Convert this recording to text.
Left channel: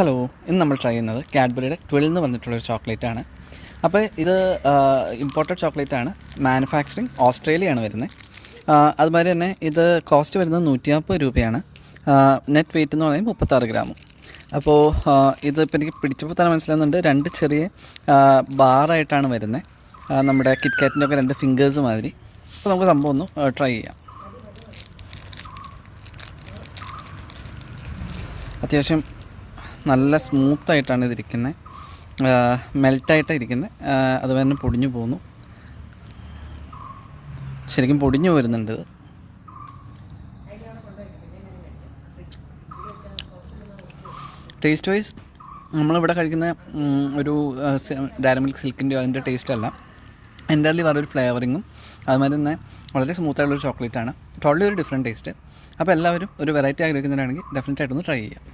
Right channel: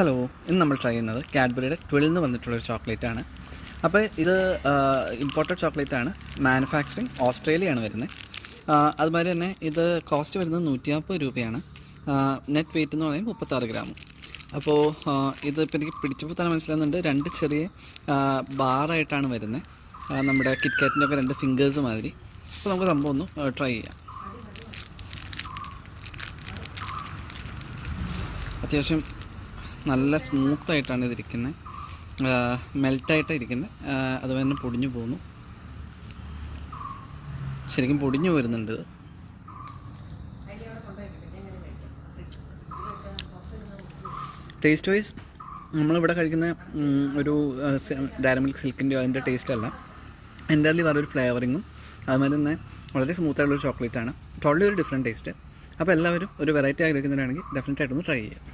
Hello, ഇന്ന് നമ്മൾ try ചെയ്യുന്നത് കാഡ്ബറിയുടെ 12 എന്ന് പറഞ്ഞിട്ടുള്ളൊരു ചോക്ലേറ്റാണ്. അപ്പോൾ ഇത് ഇമ്പോർട്ടഡ് ചോക്ലേറ്റാണ്. മാനുഫാക്ചറിങ് ഓസ്ട്രേലിയയാണ് വരുന്നത്. അതുമാതിരി തന്നെ ഇത് കോസ്റ്റ് വരുന്നത് 150 രൂപയാണ്. നെറ്റ് വെയിറ്റ് എന്ന് പറയുന്നത് 36 ഗ്രാമും. അപ്പോൾ ഇതിപ്പോൾ എനിക്ക് പിടിച്ചപ്പോൾ തന്നെ മനസ്സിലാകുന്നുണ്ട്, 2 ചെറിയ ബാറായിട്ടാണ് വരുന്നത്. നമ്മുടെ കിറ്റ്കാറ്റിൻ്റെ ഒക്കെ 2 ഫിംഗേഴ്സ് മാതിരി. അപ്പോൾ നമുക്ക് സംഭവം ഒന്ന് ട്രൈ ചെയ്യാം. അത്യാവശ്യം നല്ല സ്മൂത്തായിട്ടാണ് ഇതിരിക്കുന്നത്, മെൽട്ടായിട്ടാണ് ഇരിക്കുന്നത്. അതുപോലെ തന്നെ പൊടിഞ്ഞു പോകുന്നു, ശരിക്കും പൊടിഞ്ഞു വരുന്നുണ്ട്. ടേസ്റ്റ് വൈസ് നമ്മളിവിടെ കഴിക്കുന്ന ഒരു ഡയറി മിൽക്ക് സിൽക്കിൻ്റെ അതിൻ്റെ ടേസ്റ്റ് അല്ല, എൻ്റർലി വേറൊരു ഫ്ലേവറിങ്ങും അതുമാതിരി തന്നെ വളരെ സ്മൂത്തായിട്ടുള്ളൊരു ചോക്ലേറ്റാണ്. ടോട്ടലി ഒരു ഡിഫറെൻറ്റ് ടേസ്റ്റ്. അപ്പോൾ എല്ലാവരും ഒരു വെറൈറ്റി ആഗ്രഹിക്കുന്നവരാണെങ്കിൽ ഡെഫിനറ്റായിട്ടൊന്ന് ട്രൈ ചെയ്യാം.